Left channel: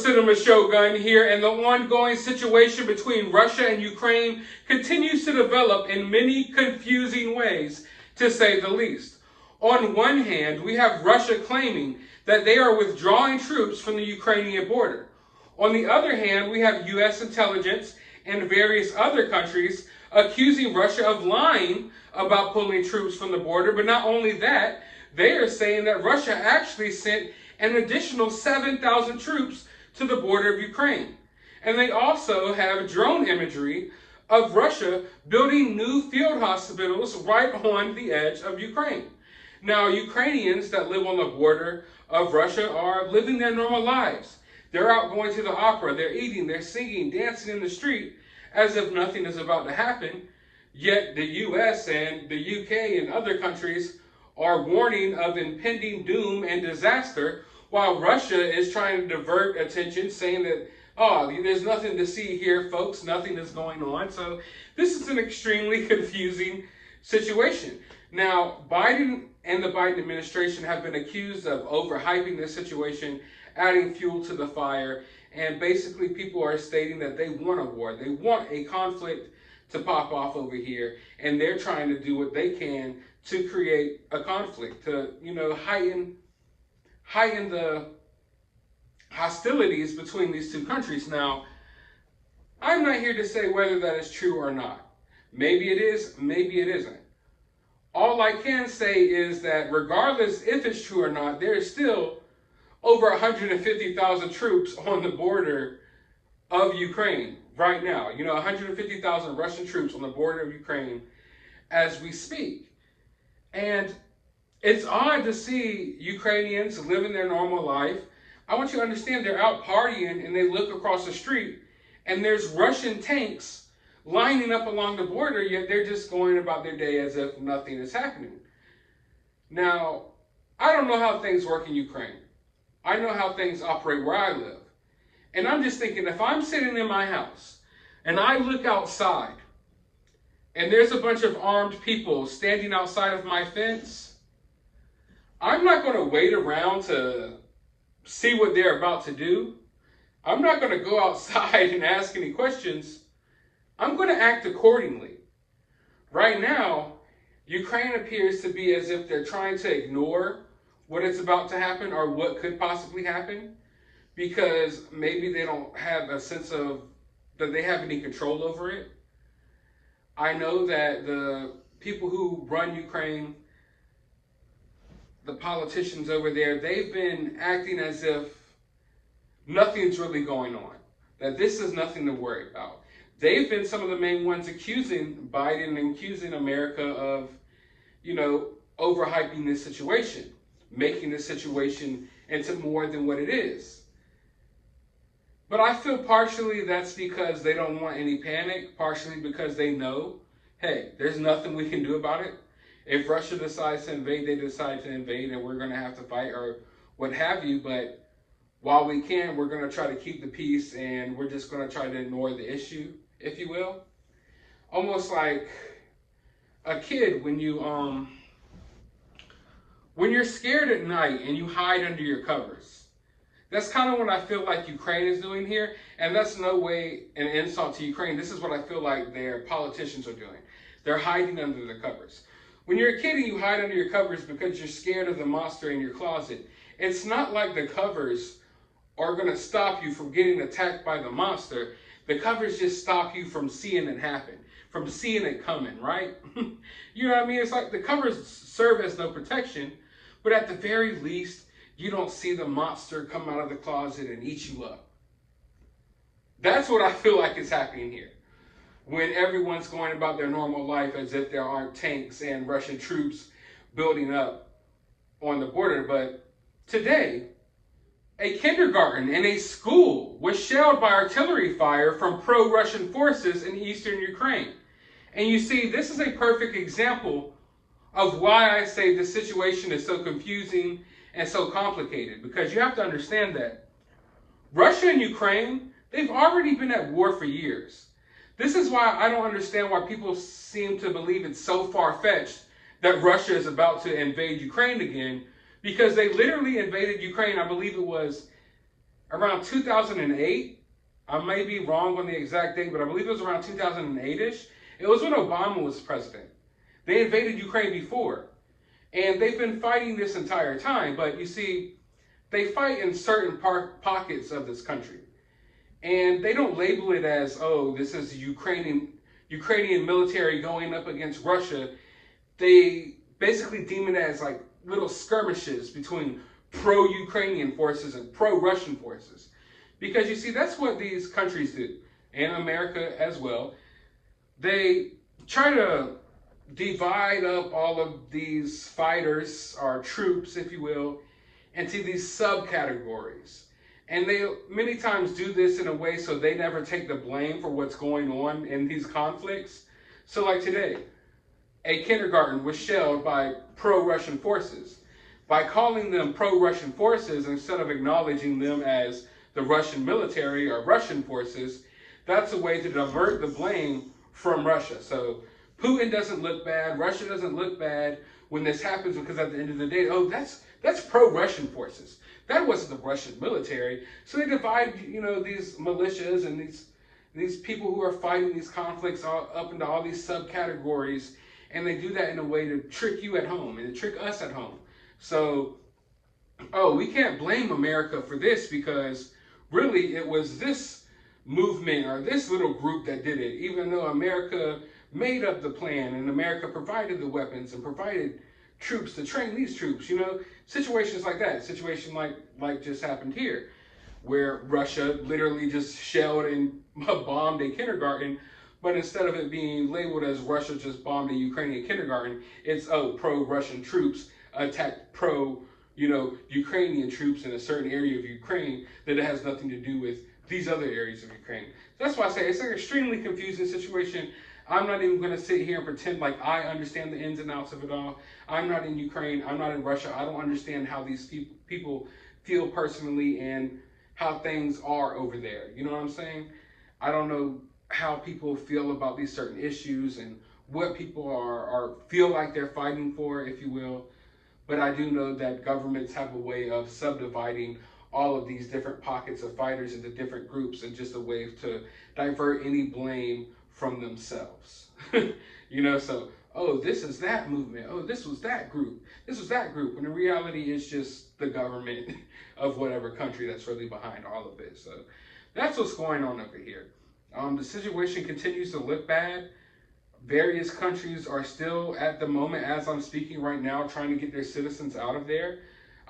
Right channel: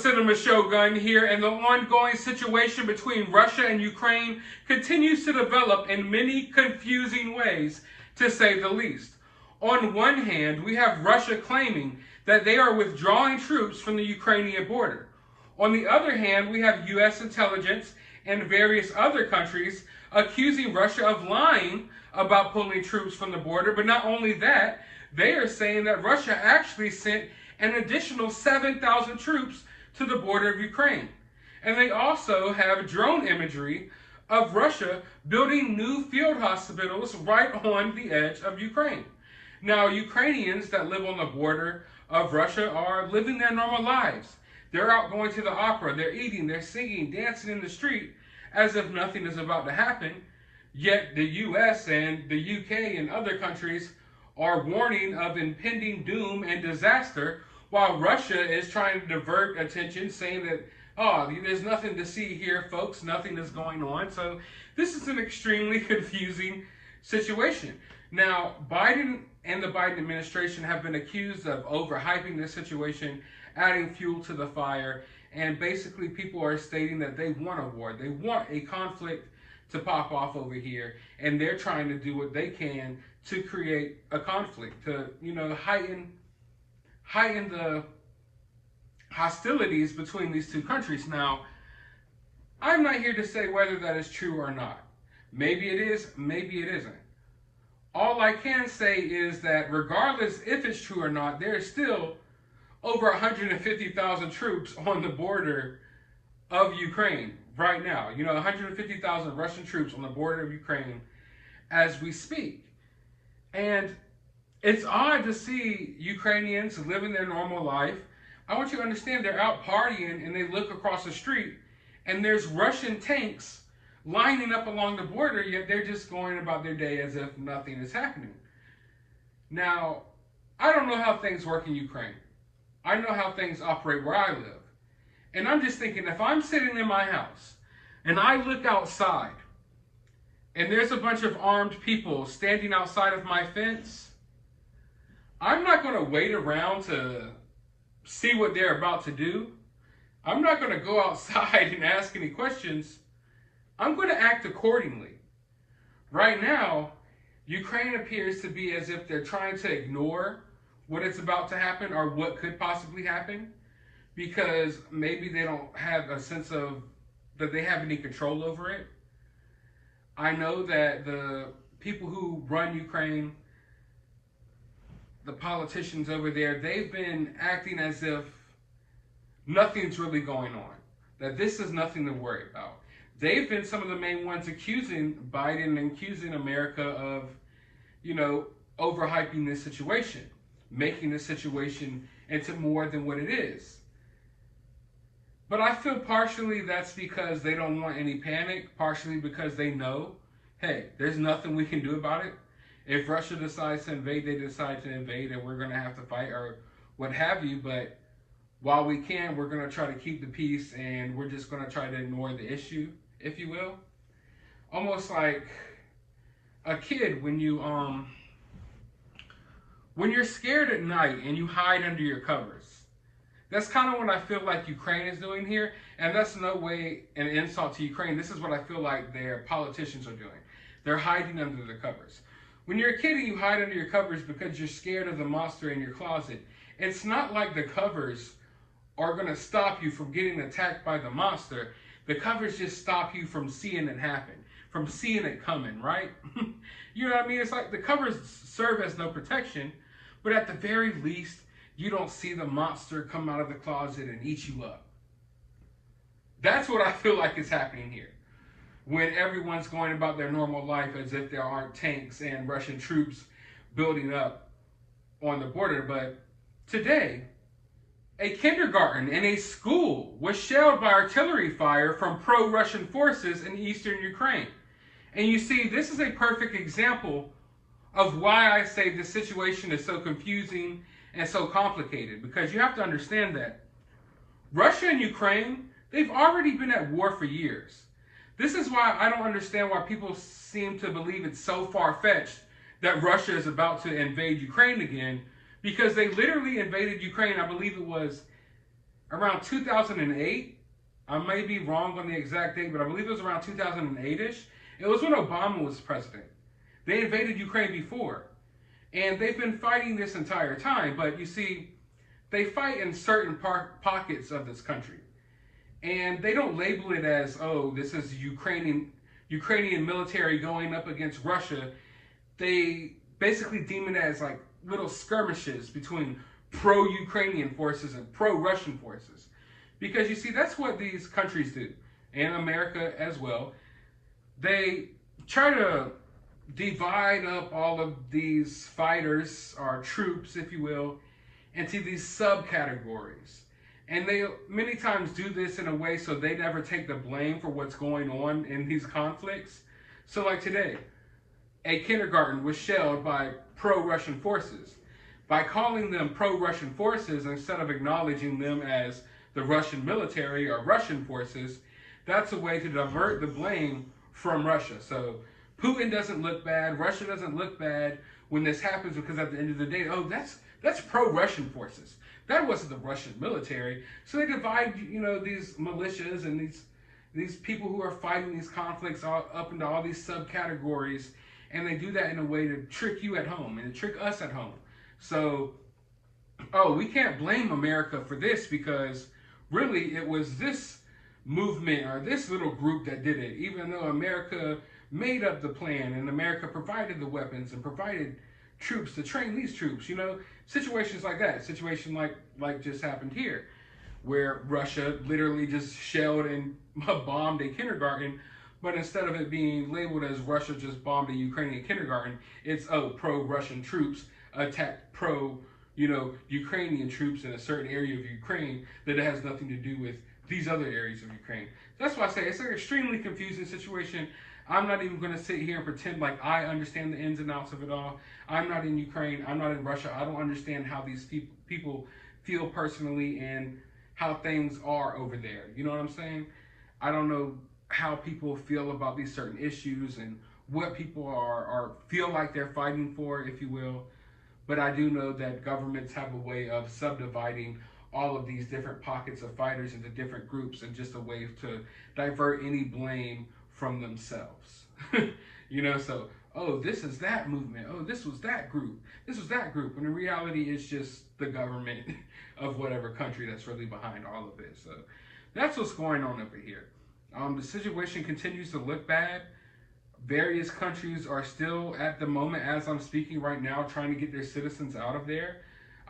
Cinema Shogun here, and the ongoing situation between Russia and Ukraine continues to develop in many confusing ways, to say the least. On one hand, we have Russia claiming that they are withdrawing troops from the Ukrainian border. On the other hand, we have U.S. intelligence and various other countries accusing Russia of lying about pulling troops from the border. But not only that, they are saying that Russia actually sent an additional 7,000 troops to the border of Ukraine. And they also have drone imagery of Russia building new field hospitals right on the edge of Ukraine. Now, Ukrainians that live on the border of Russia are living their normal lives. They're out going to the opera, they're eating, they're singing, dancing in the street as if nothing is about to happen. Yet the US and the UK and other countries are warning of impending doom and disaster, while Russia is trying to divert attention, saying that, oh, there's nothing to see here, folks, nothing is going on. So this is an extremely confusing situation. Now, Biden and the Biden administration have been accused of overhyping this situation, adding fuel to the fire, and basically people are stating that they want a war. They want a conflict to pop off over here, and they're trying to do what they can to create a conflict, to, heighten the hostilities between these two countries. Now, I'm not here to say whether that is true or not. Maybe it is, maybe it isn't. All I can say is that regardless if it's true or not, there is still over 150,000 troops on the border of Ukraine right now. 150,000 Russian troops on the border of Ukraine as we speak. And it's odd to see Ukrainians living their normal life. I want you to understand they're out partying and they look across the street and there's Russian tanks lining up along the border, yet they're just going about their day as if nothing is happening. Now, I don't know how things work in Ukraine. I know how things operate where I live. And I'm just thinking, if I'm sitting in my house and I look outside and there's a bunch of armed people standing outside of my fence, I'm not going to wait around to see what they're about to do. I'm not going to go outside and ask any questions. I'm going to act accordingly. Right now, Ukraine appears to be as if they're trying to ignore what is about to happen or what could possibly happen, because maybe they don't have a sense of that they have any control over it. I know that the people who run Ukraine, the politicians over there, they've been acting as if nothing's really going on, that this is nothing to worry about. They've been some of the main ones accusing Biden and accusing America of, overhyping this situation, making this situation into more than what it is. But I feel partially that's because they don't want any panic, partially because they know, hey, there's nothing we can do about it. If Russia decides to invade, they decide to invade, and we're going to have to fight or what have you. But while we can, we're going to try to keep the peace, and we're just going to try to ignore the issue, if you will. Almost like a kid when you're scared at night and you hide under your covers. That's kind of what I feel like Ukraine is doing here, and that's no way an insult to Ukraine. This is what I feel like their politicians are doing. They're hiding under the covers. When you're a kid and you hide under your covers because you're scared of the monster in your closet, it's not like the covers are going to stop you from getting attacked by the monster. The covers just stop you from seeing it happen, from seeing it coming, right? You know what I mean? It's like the covers serve as no protection, but at the very least, you don't see the monster come out of the closet and eat you up. That's what I feel like is happening here, when everyone's going about their normal life as if there aren't tanks and Russian troops building up on the border. But today, a kindergarten and a school was shelled by artillery fire from pro-Russian forces in eastern Ukraine. And you see, this is a perfect example of why I say the situation is so confusing and so complicated, because you have to understand that Russia and Ukraine, they've already been at war for years. This is why I don't understand why people seem to believe it's so far-fetched that Russia is about to invade Ukraine again, because they literally invaded Ukraine, I believe it was around 2008. I may be wrong on the exact date, but I believe it was around 2008-ish. It was when Obama was president. They invaded Ukraine before, and they've been fighting this entire time. But you see, they fight in certain pockets of this country, and they don't label it as, oh, this is Ukrainian military going up against Russia. They basically deem it as like little skirmishes between pro-Ukrainian forces and pro-Russian forces. Because you see, that's what these countries do, and America as well. They try to divide up all of these fighters, or troops, if you will, into these subcategories. And they many times do this in a way so they never take the blame for what's going on in these conflicts. So like today, a kindergarten was shelled by pro-Russian forces. By calling them pro-Russian forces instead of acknowledging them as the Russian military or Russian forces, that's a way to divert the blame from Russia. So Putin doesn't look bad, Russia doesn't look bad when this happens, because at the end of the day, oh, that's pro-Russian forces. That wasn't the Russian military. So they divide, these militias and these people who are fighting these conflicts up into all these subcategories, and they do that in a way to trick you at home and to trick us at home. So, oh, we can't blame America for this, because really it was this movement or this little group that did it, even though America made up the plan and America provided the weapons and provided troops to train these troops. Situations like that, situation like just happened here, where Russia literally just shelled and bombed a kindergarten, but instead of it being labeled as Russia just bombed a Ukrainian kindergarten, it's, oh, pro-Russian troops attacked Ukrainian troops in a certain area of Ukraine that it has nothing to do with these other areas of Ukraine. That's why I say it's an extremely confusing situation. I'm not even going to sit here and pretend like I understand the ins and outs of it all. I'm not in Ukraine. I'm not in Russia. I don't understand how these people feel personally and how things are over there. You know what I'm saying? I don't know how people feel about these certain issues and what people are feel like they're fighting for, if you will. But I do know that governments have a way of subdividing all of these different pockets of fighters into different groups, and just a way to divert any blame from themselves. So, oh, this is that movement. Oh, this was that group. This was that group. When in reality, it's just the government of whatever country that's really behind all of this. So that's what's going on over here. The situation continues to look bad. Various countries are still, at the moment, as I'm speaking right now, trying to get their citizens out of there.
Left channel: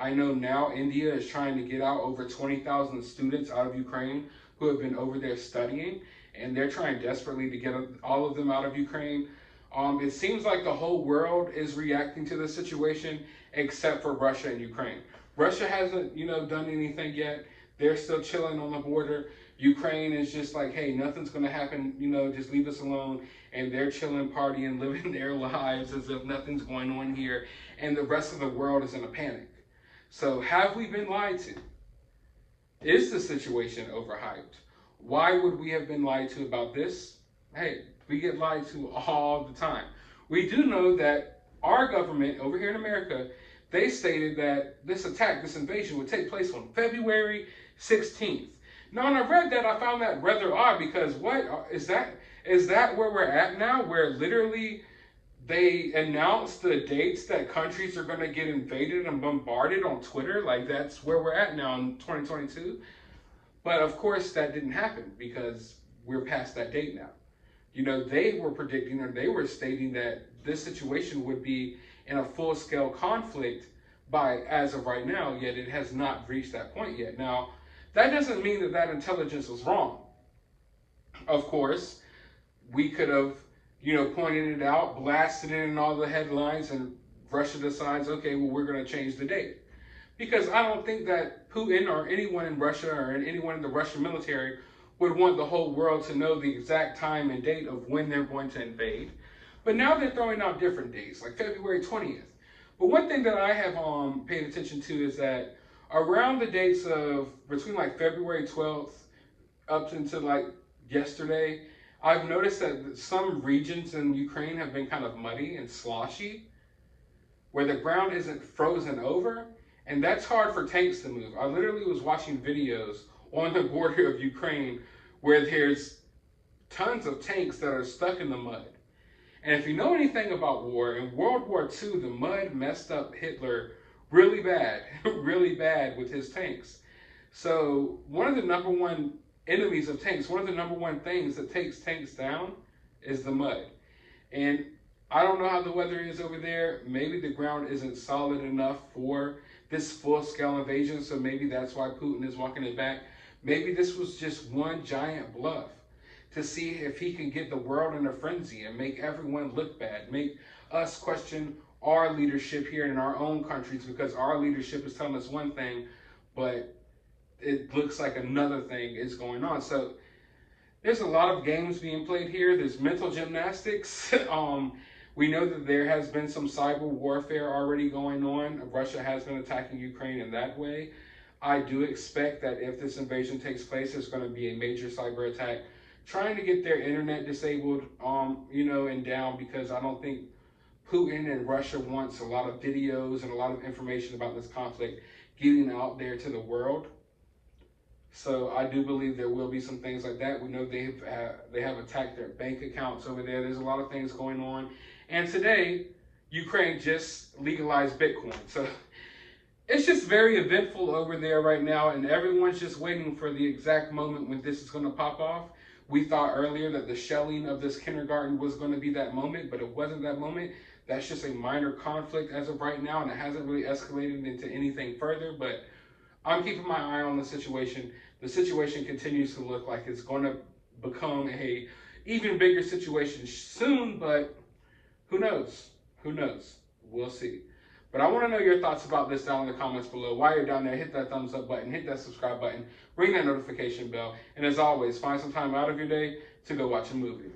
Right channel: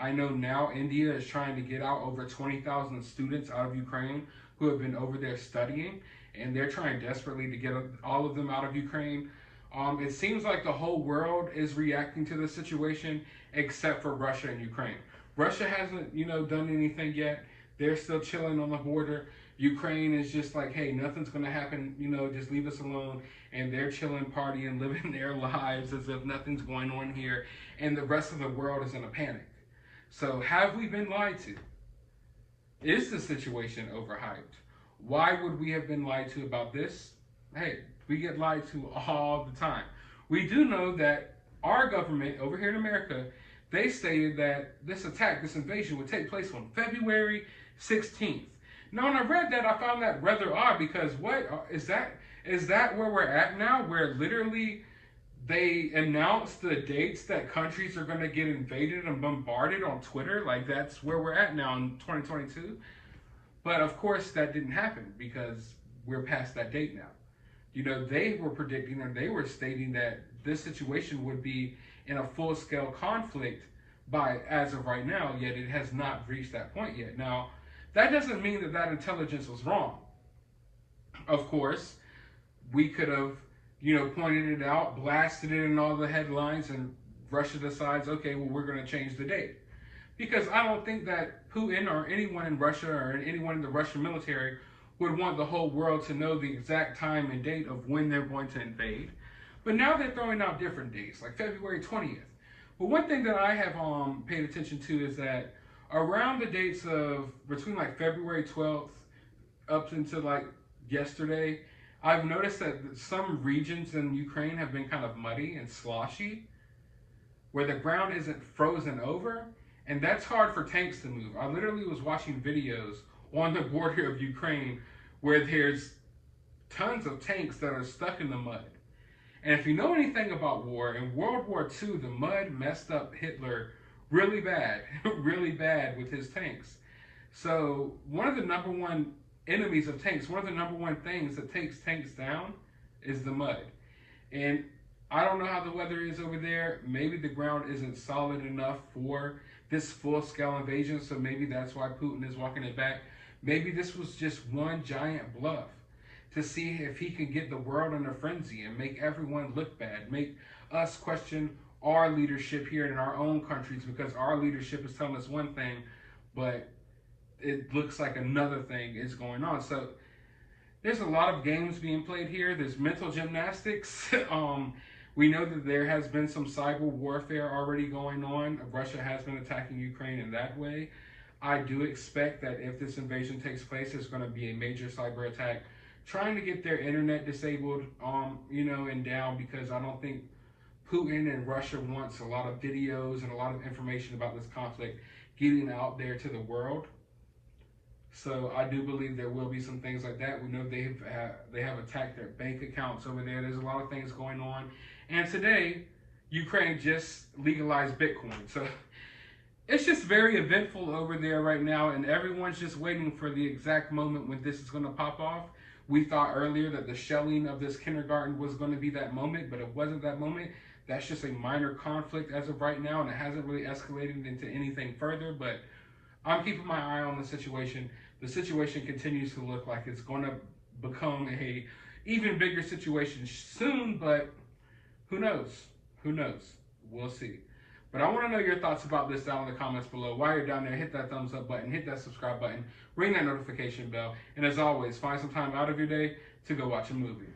I know now India is trying to get out over 20,000 students out of Ukraine who have been over there studying, and they're trying desperately to get all of them out of Ukraine. It seems like the whole world is reacting to the situation except for Russia and Ukraine. Russia hasn't, done anything yet. They're still chilling on the border. Ukraine is just like, hey, nothing's going to happen, just leave us alone. And they're chilling, partying, living their lives as if nothing's going on here. And the rest of the world is in a panic. So have we been lied to? Is the situation overhyped? Why would we have been lied to about this? Hey, we get lied to all the time. We do know that our government over here in America, they stated that this attack, this invasion would take place on February 16th. Now, when I read that, I found that rather odd, because what is that? Is that where we're at now, where literally they announce the dates that countries are going to get invaded and bombarded on Twitter? Like, that's where we're at now in 2022. But of course, that didn't happen, because we're past that date now. They were predicting, or they were stating that this situation would be in a full-scale conflict by as of right now, yet it has not reached that point yet. Now, that doesn't mean that that intelligence was wrong. Of course, we could have, pointed it out, blasted it in all the headlines, and Russia decides, okay, well, we're going to change the date. Because I don't think that Putin or anyone in Russia or anyone in the Russian military would want the whole world to know the exact time and date of when they're going to invade. But now they're throwing out different dates, like February 20th. But one thing that I have paid attention to is that around the dates of between like February 12th up until like yesterday, I've noticed that some regions in Ukraine have been kind of muddy and sloshy, where the ground isn't frozen over. And that's hard for tanks to move. I literally was watching videos on the border of Ukraine where there's tons of tanks that are stuck in the mud. And if you know anything about war, in World War II, the mud messed up Hitler really bad, really bad with his tanks. So one of the number one enemies of tanks, one of the number one things that takes tanks down is the mud. And I don't know how the weather is over there. Maybe the ground isn't solid enough for this full-scale invasion, so maybe that's why Putin is walking it back. Maybe this was just one giant bluff to see if he can get the world in a frenzy and make everyone look bad, make us question our leadership here in our own countries, because our leadership is telling us one thing, but it looks like another thing is going on. So there's a lot of games being played here. There's mental gymnastics. We know that there has been some cyber warfare already going on. Russia has been attacking Ukraine in that way. I do expect that if this invasion takes place, there's going to be a major cyber attack trying to get their internet disabled, and down, because I don't think Putin and Russia wants a lot of videos and a lot of information about this conflict getting out there to the world. So I do believe there will be some things like that. We know they have attacked their bank accounts over there. There's a lot of things going on. And today, Ukraine just legalized Bitcoin. So it's just very eventful over there right now, and everyone's just waiting for the exact moment when this is going to pop off. We thought earlier that the shelling of this kindergarten was going to be that moment, but it wasn't that moment. That's just a minor conflict as of right now, and it hasn't really escalated into anything further, but I'm keeping my eye on the situation. The situation continues to look like it's going to become a even bigger situation soon, but who knows? Who knows? We'll see. But I want to know your thoughts about this down in the comments below. While you're down there, hit that thumbs up button, hit that subscribe button, ring that notification bell, and as always, find some time out of your day to go watch a movie.